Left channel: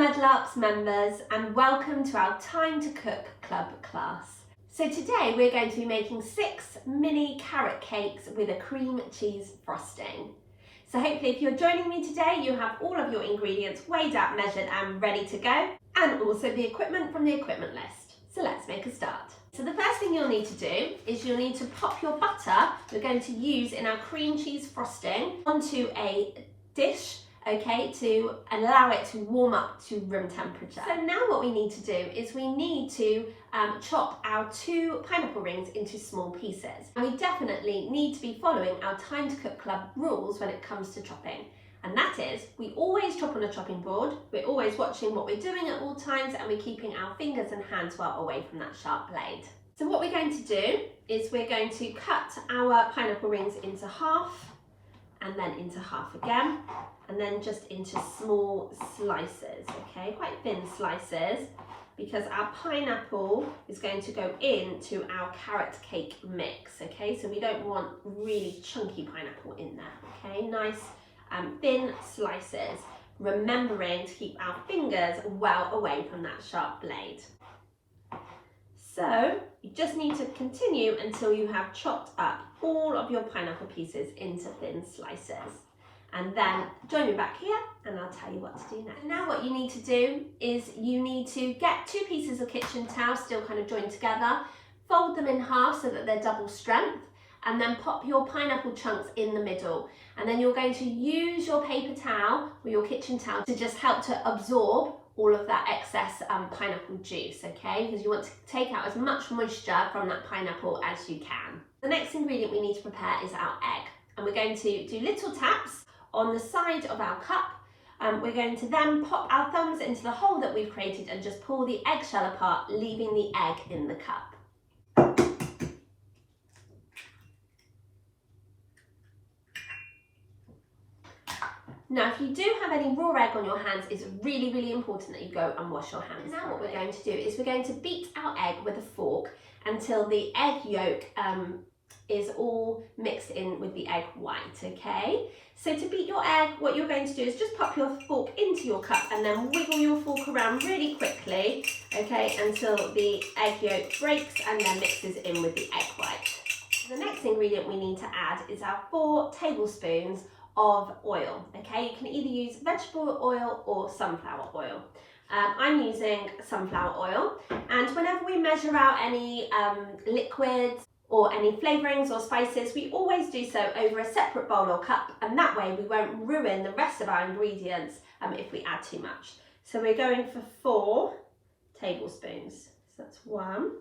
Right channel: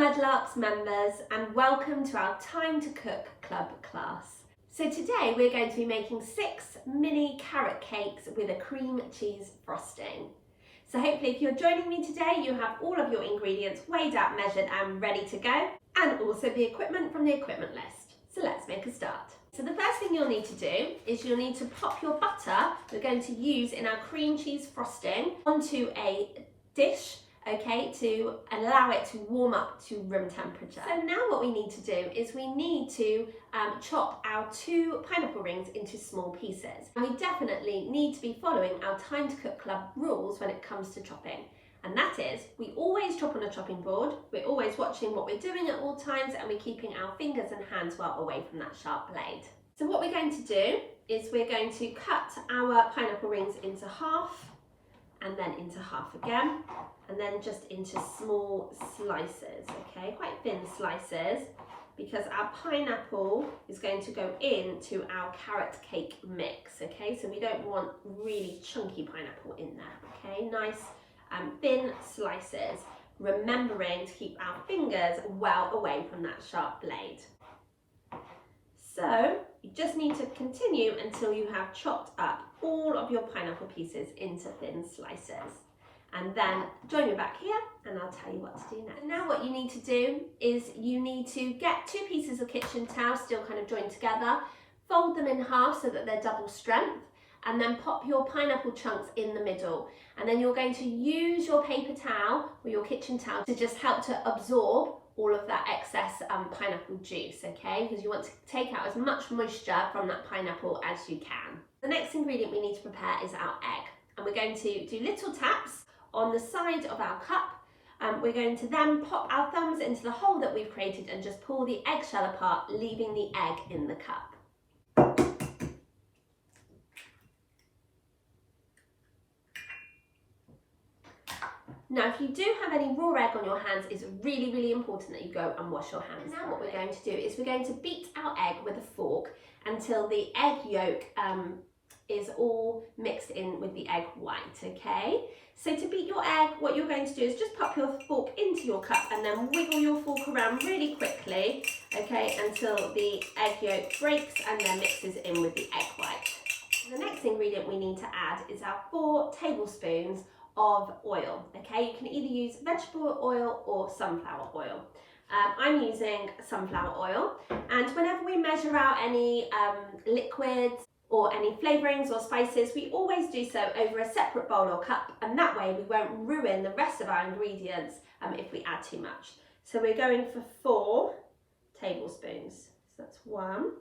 Mudlarks members, and welcome to our Time to Cook Club class. So today we're going to be making 6 mini carrot cakes with a cream cheese frosting. So hopefully if you're joining me today, you have all of your ingredients weighed out, measured and ready to go, and also the equipment from the equipment list. So let's make a start. So the first thing you'll need to do is you'll need to pop your butter we're going to use in our cream cheese frosting onto a dish, okay, to allow it to warm up to room temperature. So now what we need to do is we need to chop our 2 pineapple rings into small pieces. And we definitely need to be following our Time to Cook Club rules when it comes to chopping. And that is, we always chop on a chopping board, we're always watching what we're doing at all times, and we're keeping our fingers and hands well away from that sharp blade. So what we're going to do is we're going to cut our pineapple rings into half, and then into half again, and then just into small slices, okay, quite thin slices, because our pineapple is going to go into our carrot cake mix, okay, so we don't want really chunky pineapple in there, okay, nice thin slices, remembering to keep our fingers well away from that sharp blade. So you just need to continue until you have chopped up all of your pineapple pieces into thin slices. And then join me back here and I'll tell you what to do next. And now what you need to do is you need to get 2 pieces of kitchen towel still kind of joined together, fold them in half so that they're double strength, and then pop your pineapple chunks in the middle. And then you're going to use your paper towel or your kitchen towel to just help to absorb all of that excess pineapple juice, okay? Because you want to take out as much moisture from that pineapple as you can. The next ingredient we need to prepare is our egg. And we're going to do little taps on the side of our cup. We're going to then pop our thumbs into the hole that we've created and just pull the eggshell apart, leaving the egg in the cup. Now, if you do have any raw egg on your hands, it's really, really important that you go and wash your hands. Now what we're going to do is we're going to beat our egg with a fork until the egg yolk is all mixed in with the egg white, okay? So to beat your egg, what you're going to do is just pop your fork into your cup and then wiggle your fork around really quickly, okay, until the egg yolk breaks and then mixes in with the egg white. The next ingredient we need to add is our 4 tablespoons of oil, okay? You can either use vegetable oil or sunflower oil. I'm using sunflower oil, and whenever we measure out any liquids or any flavourings or spices, we always do so over a separate bowl or cup, and that way we won't ruin the rest of our ingredients if we add too much. So we're going for 4 tablespoons. So that's 1,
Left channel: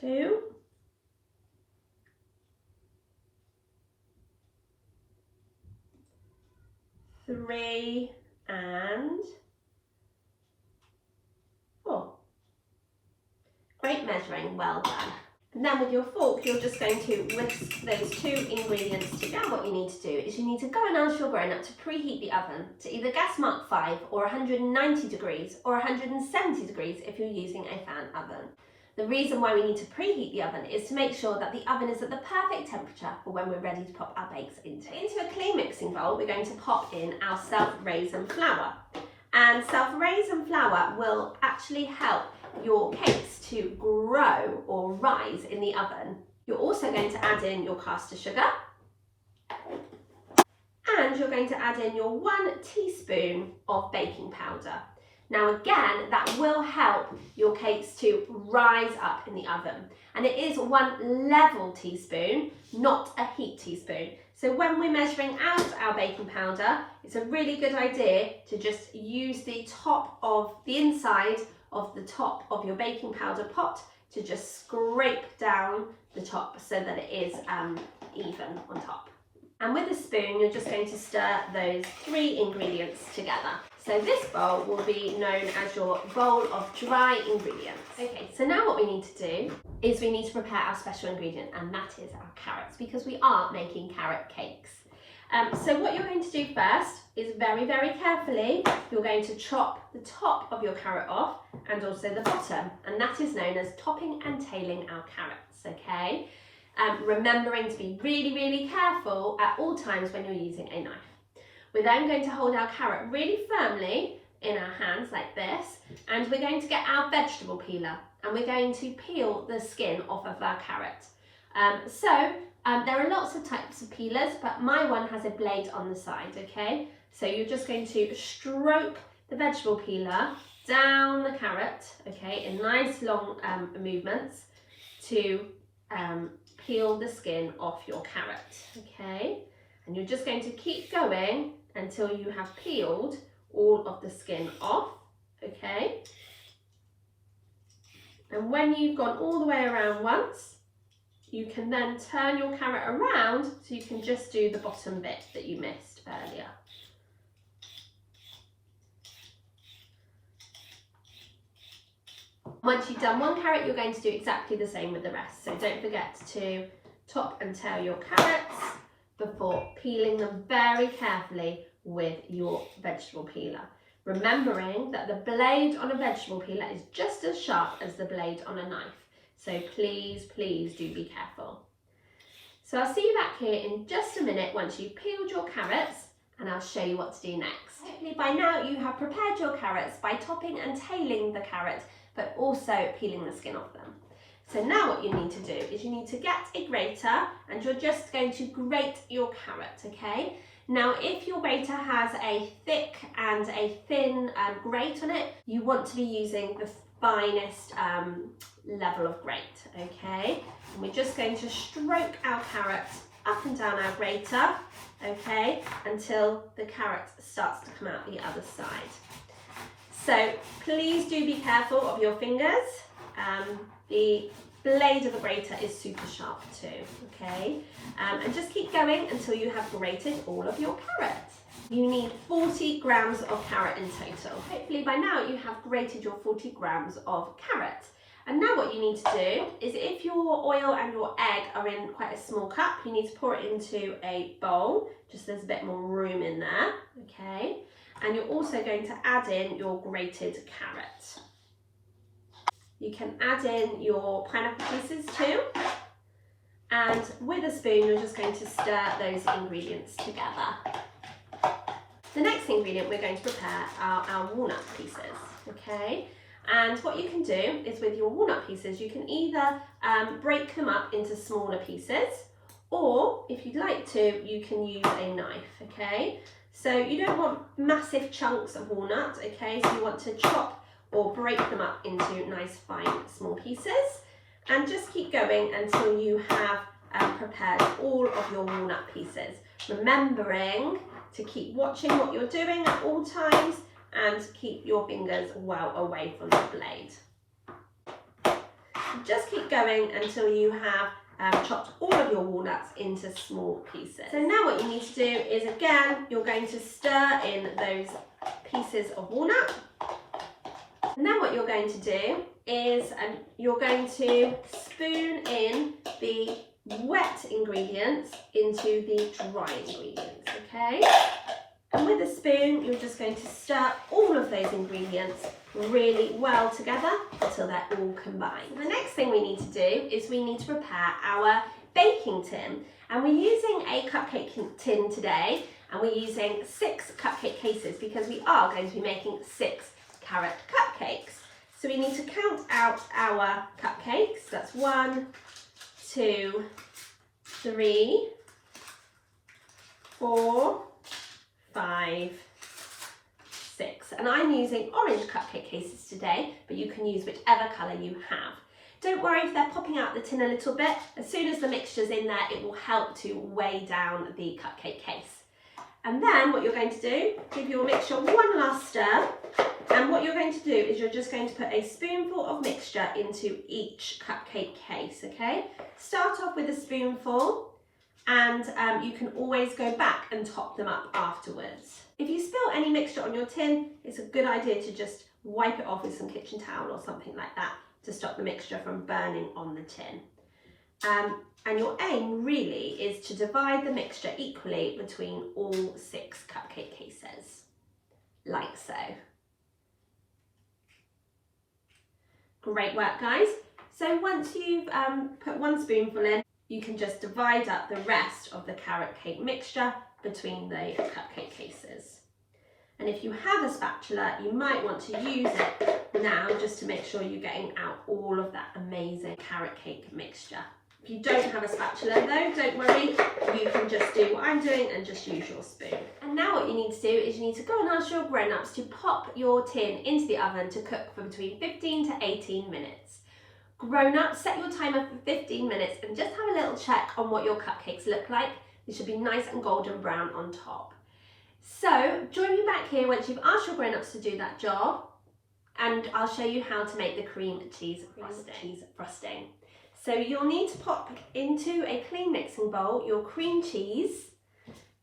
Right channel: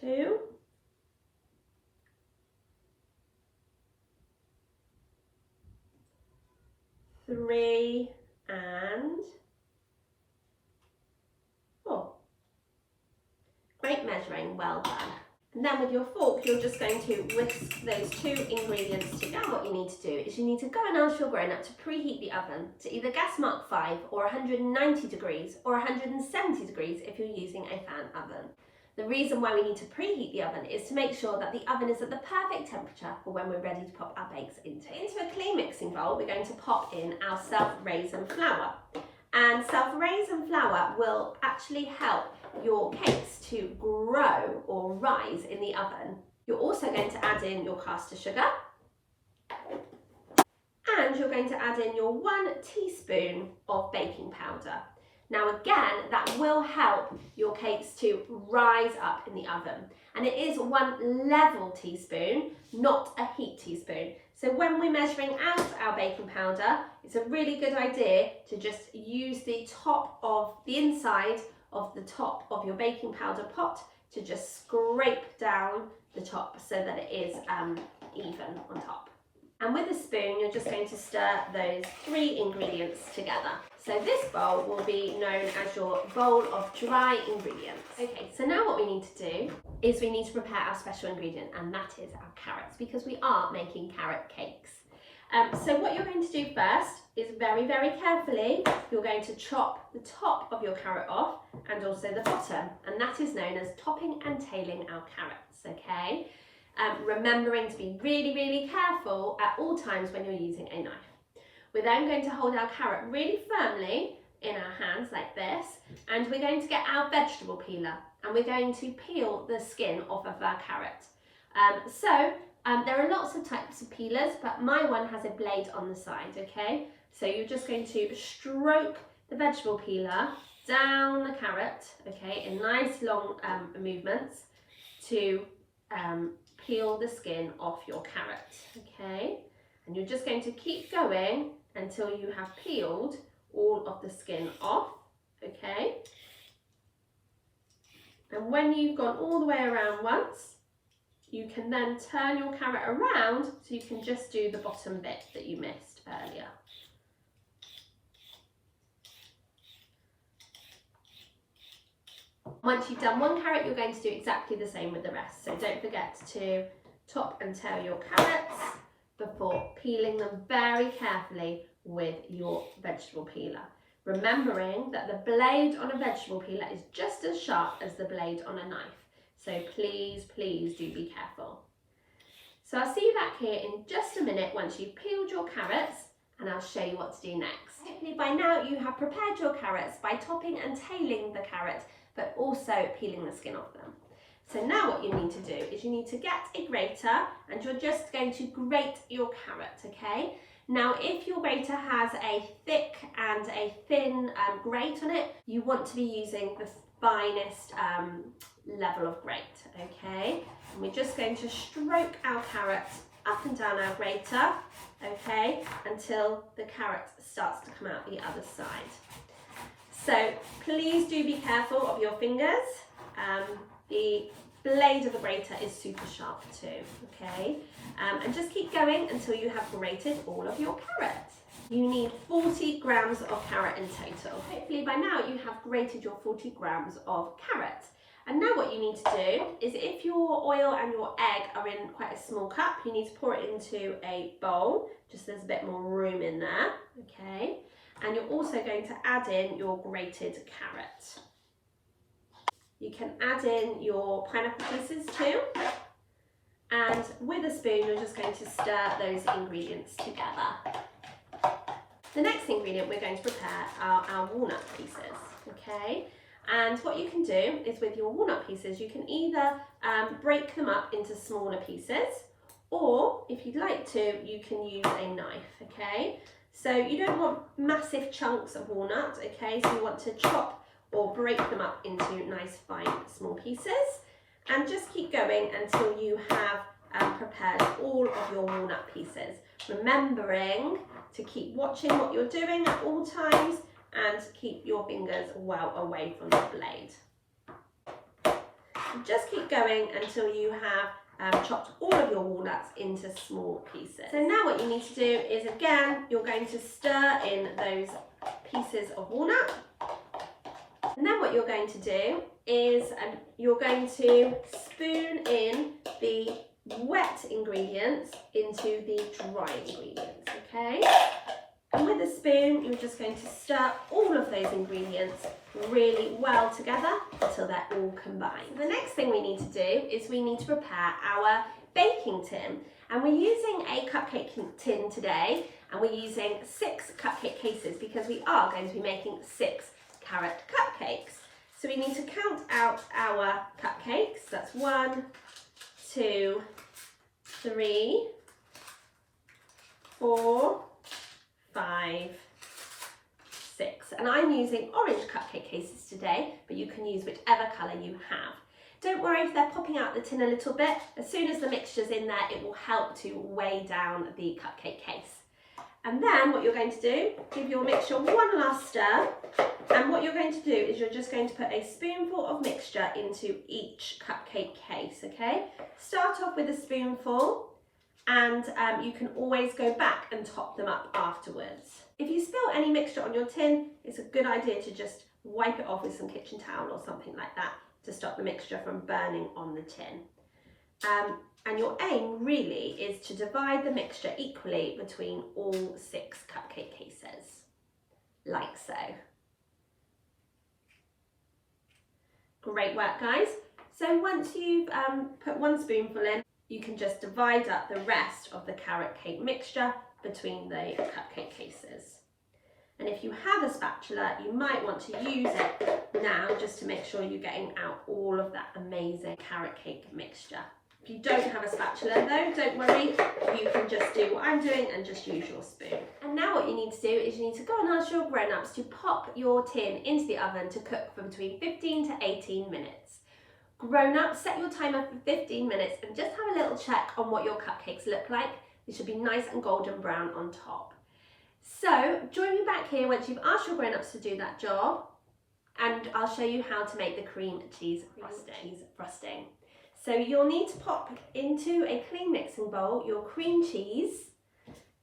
2, 3 and 4. Great measuring, well done. And then with your fork, you're just going to whisk those 2 ingredients together. Now what you need to do is you need to go and ask your grown-up to preheat the oven to either gas mark 5 or 190 degrees or 170 degrees if you're using a fan oven. The reason why we need to preheat the oven is to make sure that the oven is at the perfect temperature for when we're ready to pop our bakes into. Into a clean mixing bowl, we're going to pop in our self-raising flour. And self-raising flour will actually help your cakes to grow or rise in the oven. You're also going to add in your caster sugar. And you're going to add in your 1 teaspoon of baking powder. Now again, that will help your cakes to rise up in the oven. And it is 1 level teaspoon, not a heat teaspoon. So when we're measuring out our baking powder, it's a really good idea to just use the top of the inside of the top of your baking powder pot to just scrape down the top so that it is even on top. And with a spoon, you're just going to stir those 3 ingredients together. So this bowl will be known as your bowl of dry ingredients. Okay, so now what we need to do is we need to prepare our special ingredient, and that is our carrots, because we are making carrot cakes. So what you're going to do first is very, very carefully, you're going to chop the top of your carrot off and also the bottom, and that is known as topping and tailing our carrots, okay? Remembering to be really, really careful at all times when you're using a knife. We're then going to hold our carrot really firmly in our hands like this, and we're going to get our vegetable peeler and we're going to peel the skin off of our carrot. There are lots of types of peelers, but my one has a blade on the side, okay? So you're just going to stroke the vegetable peeler down the carrot, okay, in nice long movements to peel the skin off your carrot, okay? And you're just going to keep going until you have peeled all of the skin off, okay? And when you've gone all the way around once, you can then turn your carrot around so you can just do the bottom bit that you missed earlier. Once you've done one carrot, you're going to do exactly the same with the rest. So don't forget to top and tail your carrots before peeling them very carefully with your vegetable peeler. Remembering that the blade on a vegetable peeler is just as sharp as the blade on a knife. So please, please do be careful. So I'll see you back here in just a minute once you've peeled your carrots, and I'll show you what to do next. Hopefully by now you have prepared your carrots by topping and tailing the carrot, but also peeling the skin off them. So now what you need to do is you need to get a grater and you're just going to grate your carrot, okay? Now if your grater has a thick and a thin grate on it, you want to be using the finest level of grate, okay? And we're just going to stroke our carrots up and down our grater, okay, until the carrot starts to come out the other side. So please do be careful of your fingers. The blade of the grater is super sharp too, okay? And just keep going until you have grated all of your carrots. You need 40 grams of carrot in total. Hopefully by now you have grated your 40 grams of carrot. And now what you need to do is, if your oil and your egg are in quite a small cup, you need to pour it into a bowl, just so there's a bit more room in there, okay? And you're also going to add in your grated carrot. You can add in your pineapple pieces too. And with a spoon, you're just going to stir those ingredients together. The next ingredient we're going to prepare are our walnut pieces, okay? And what you can do is, with your walnut pieces, you can either break them up into smaller pieces, or if you'd like to, you can use a knife, okay? So you don't want massive chunks of walnut, okay? So you want to chop or break them up into nice fine small pieces, and just keep going until you have prepared all of your walnut pieces. Remembering to keep watching what you're doing at all times and keep your fingers well away from the blade. Just keep going until you have chopped all of your walnuts into small pieces. So now what you need to do is, again, you're going to stir in those pieces of walnut. And then what you're going to do is you're going to spoon in the wet ingredients into the dry ingredients, okay? And with a spoon, you're just going to stir all of those ingredients really well together until they're all combined. So the next thing we need to do is we need to prepare our baking tin. And we're using a cupcake tin today, and we're using 6 cupcake cases because we are going to be making 6 carrot cupcakes. So we need to count out our cupcakes. That's 1, 2, 3, 4, 5, 6. And I'm using orange cupcake cases today, but you can use whichever colour you have. Don't worry if they're popping out the tin a little bit. As soon as the mixture's in there, it will help to weigh down the cupcake case. And then what you're going to do, give your mixture one last stir. And what you're going to do is you're just going to put a spoonful of mixture into each cupcake case, okay? Start off with a spoonful, and you can always go back and top them up afterwards. If you spill any mixture on your tin, it's a good idea to just wipe it off with some kitchen towel or something like that to stop the mixture from burning on the tin. And your aim really is to divide the mixture equally between all 6 cupcake cases, like so. Great work, guys. So once you've put one spoonful in, you can just divide up the rest of the carrot cake mixture between the cupcake cases. And if you have a spatula, you might want to use it now just to make sure you're getting out all of that amazing carrot cake mixture. If you don't have a spatula though, don't worry, you can just do what I'm doing and just use your spoon. And now what you need to do is you need to go and ask your grown-ups to pop your tin into the oven to cook for between 15 to 18 minutes. Grown-ups, set your timer for 15 minutes and just have a little check on what your cupcakes look like. They should be nice and golden brown on top. So join me back here once you've asked your grown-ups to do that job, and I'll show you how to make the cream cheese frosting. So you'll need to pop into a clean mixing bowl your cream cheese.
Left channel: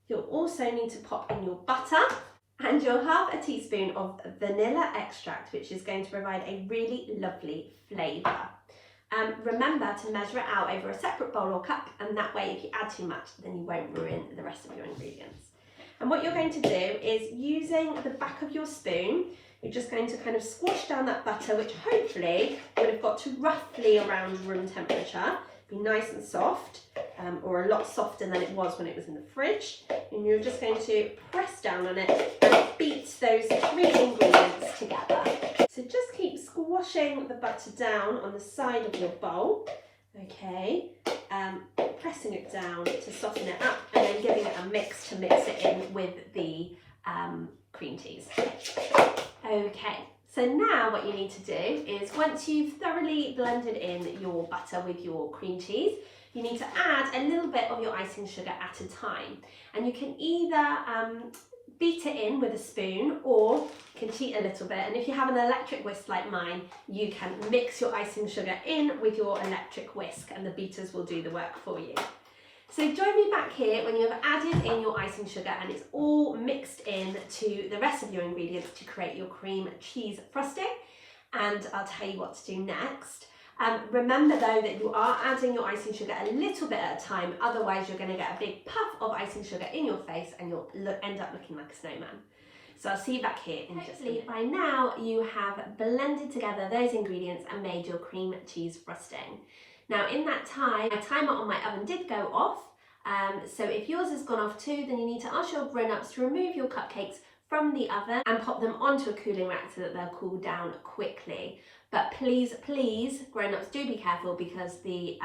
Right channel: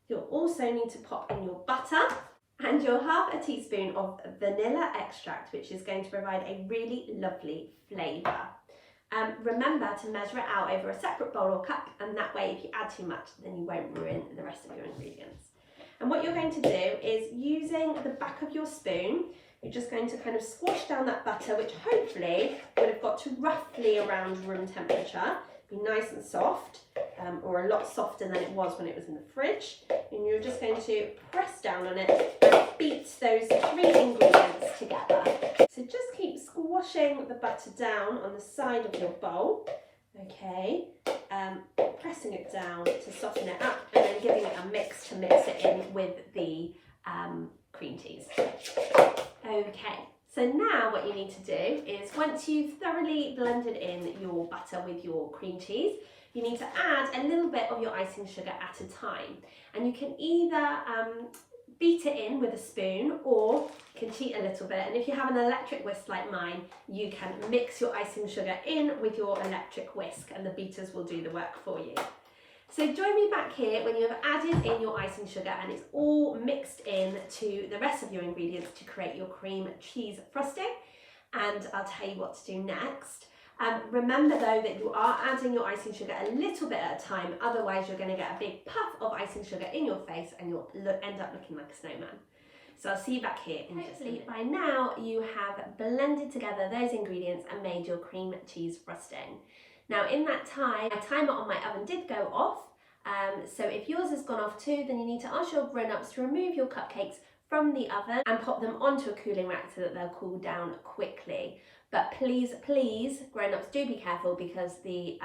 You'll also need to pop in your butter and your half a teaspoon of vanilla extract, which is going to provide a really lovely flavour. Remember to measure it out over a separate bowl or cup, and that way if you add too much then you won't ruin the rest of your ingredients. And what you're going to do is, using the back of your spoon, you're just going to kind of squash down that butter, which hopefully would have got to roughly around room temperature. Be nice and soft, or a lot softer than it was when it was in the fridge. And you're just going to press down on it and beat those three ingredients together. So just keep squashing the butter down on the side of your bowl, okay? Pressing it down to soften it up, and then giving it a mix to mix it in with the cream cheese. Okay, so now what you need to do is, once you've thoroughly blended in your butter with your cream cheese, you need to add a little bit of your icing sugar at a time. And you can either beat it in with a spoon, or you can cheat a little bit. And if you have an electric whisk like mine, you can mix your icing sugar in with your electric whisk, and the beaters will do the work for you. So join me back here when you have added in your icing sugar and it's all mixed in to the rest of your ingredients to create your cream cheese frosting, and I'll tell you what to do next. Remember though that you are adding your icing sugar a little bit at a time, otherwise you're going to get a big puff of icing sugar in your face and you'll end up looking like a snowman. So I'll see you back here in just a minute. By now you have blended together those ingredients and made your cream cheese frosting. Now in that time, my timer on my oven did go off, so if yours has gone off too, then you need to ask your grown-ups to remove your cupcakes from the oven and pop them onto a cooling rack so that they'll cool down quickly. But please, please, grown-ups, do be careful, because the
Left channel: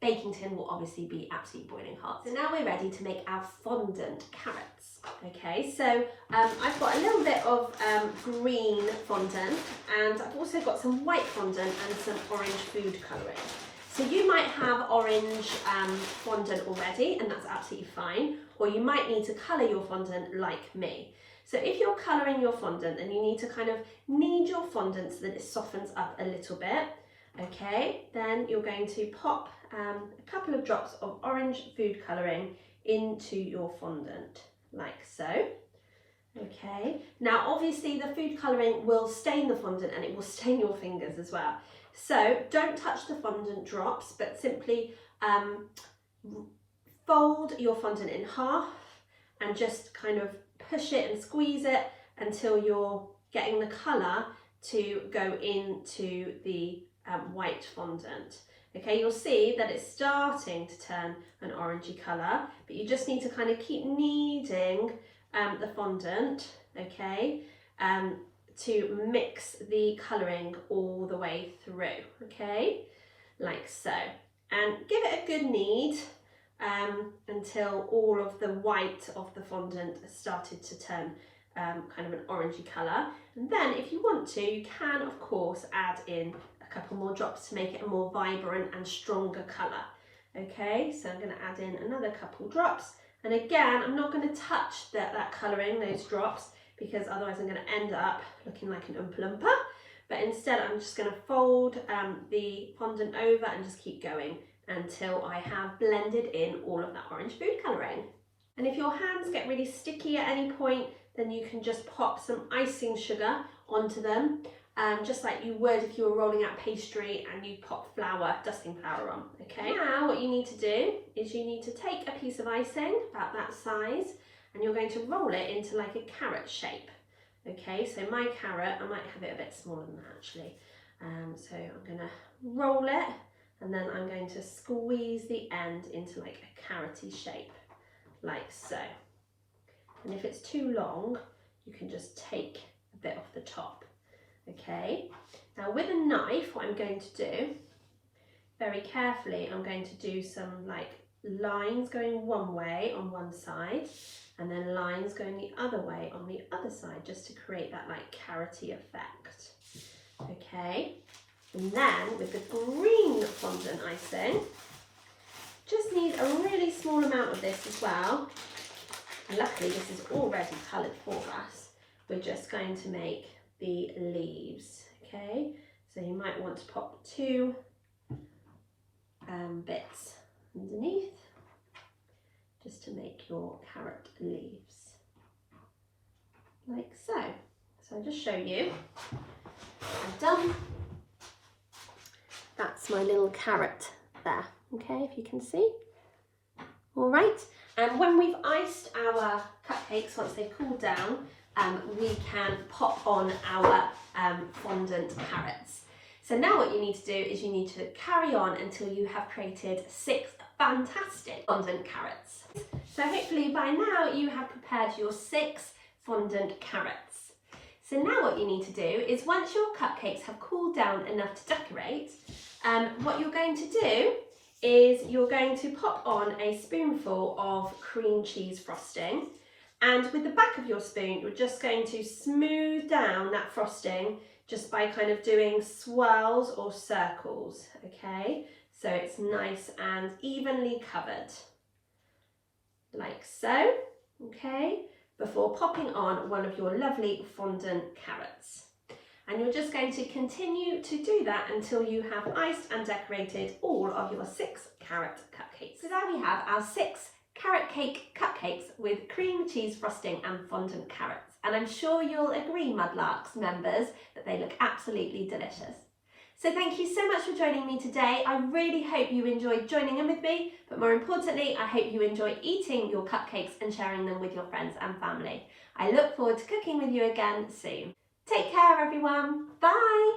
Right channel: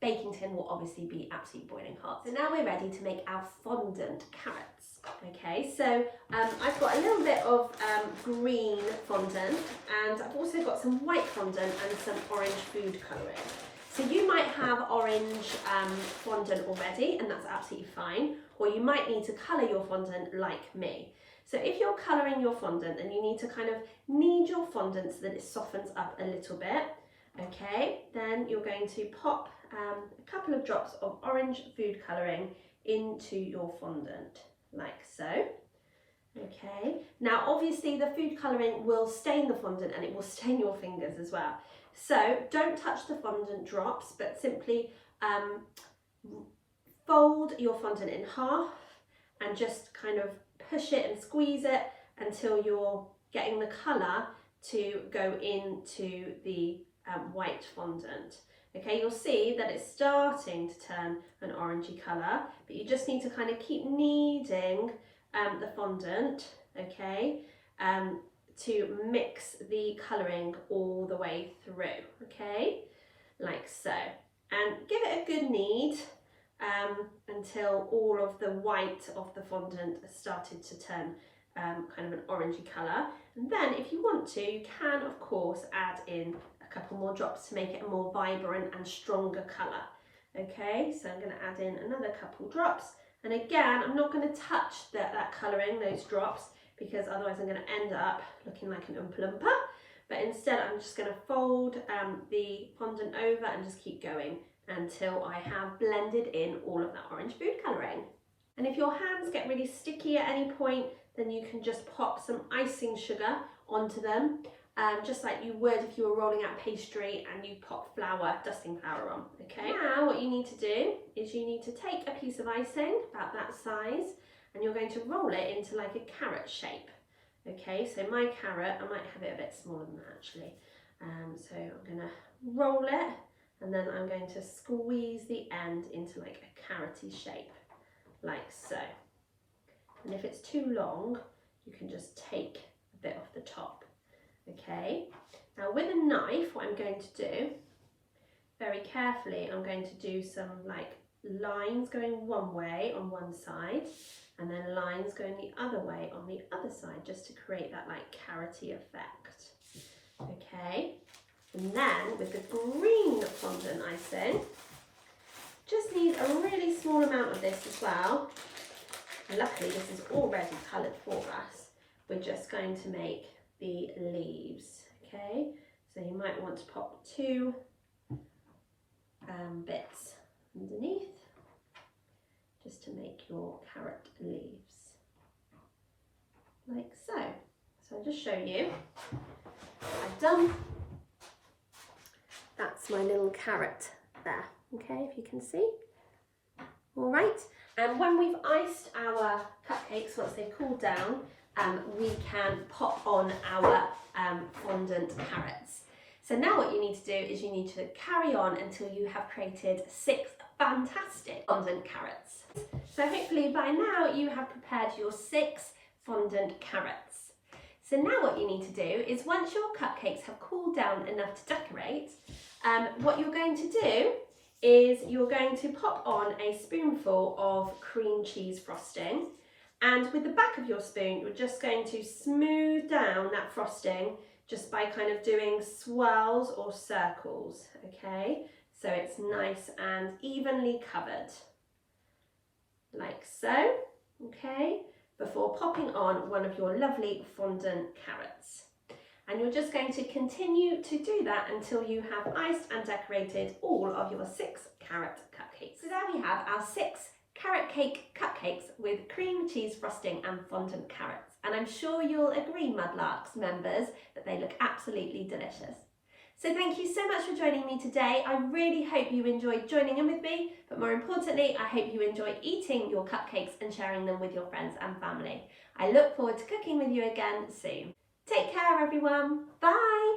baking tin will obviously be absolutely boiling hot. So now we're ready to make our fondant carrots. Okay, so I've got a little bit of green fondant, and I've also got some white fondant and some orange food colouring. So you might have orange fondant already, and that's absolutely fine, or you might need to colour your fondant like me. So if you're colouring your fondant, then you need to kind of knead your fondant so that it softens up a little bit, okay? Then you're going to pop a couple of drops of orange food colouring into your fondant, like so. Okay, now obviously the food colouring will stain the fondant and it will stain your fingers as well. So don't touch the fondant drops, but simply fold your fondant in half and just kind of push it and squeeze it until you're getting the colour to go into the white fondant. Okay, you'll see that it's starting to turn an orangey colour, but you just need to kind of keep kneading the fondant, okay, to mix the colouring all the way through, okay, like so. And give it a good knead until all of the white of the fondant has started to turn kind of an orangey colour. And then if you want to, you can of course add in a couple more drops to make it a more vibrant and stronger colour. Okay, so I'm going to add in another couple drops. And again, I'm not going to touch that colouring, those drops, because otherwise I'm going to end up looking like an Oompa Loompa. But instead I'm just going to fold the fondant over and just keep going until I have blended in all of that orange food colouring. And if your hands get really sticky at any point, then you can just pop some icing sugar onto them, just like you would if you were rolling out pastry and you pop flour, dusting flour on, okay? Now what you need to do is you need to take a piece of icing, about that size, and you're going to roll it into like a carrot shape. Okay, so my carrot, I might have it a bit smaller than that actually. So I'm gonna roll it, and then I'm going to squeeze the end into like a carroty shape, like so. and if it's too long, you can just take a bit off the top. Okay, now with a knife, what I'm going to do, very carefully, I'm going to do some like lines going one way on one side, and then lines going the other way on the other side, just to create that like carroty effect. Okay, and then with the green fondant icing, just need a really small amount of this as well. And luckily this is already coloured for us. We're just going to make the leaves. Okay, so you might want to pop 2 bits underneath, just to make your carrot leaves, like so. So I'll just show you. I've done, that's my little carrot there, okay, if you can see. All right, and when we've iced our cupcakes, once they've cooled down, we can pop on our fondant carrots. So now what you need to do is you need to carry on until you have created 6 fantastic fondant carrots. So hopefully by now you have prepared your 6 fondant carrots. So now what you need to do is, once your cupcakes have cooled down enough to decorate, what you're going to do is you're going to pop on a spoonful of cream cheese frosting, and with the back of your spoon you're just going to smooth down that frosting just by kind of doing swirls or circles, okay? So it's nice and evenly covered, like so, okay? Before popping on one of your lovely fondant carrots. And you're just going to continue to do that until you have iced and decorated all of your 6 carrot cupcakes. So there we have our 6 carrot cake cupcakes with cream cheese frosting and fondant carrots. And I'm sure you'll agree, Mudlarks members, that they look absolutely delicious. So thank you so much for joining me today. I really hope you enjoyed joining in with me, but more importantly, I hope you enjoy eating your cupcakes and sharing them with your friends and family. I look forward to cooking with you again soon. Take care, everyone. Bye.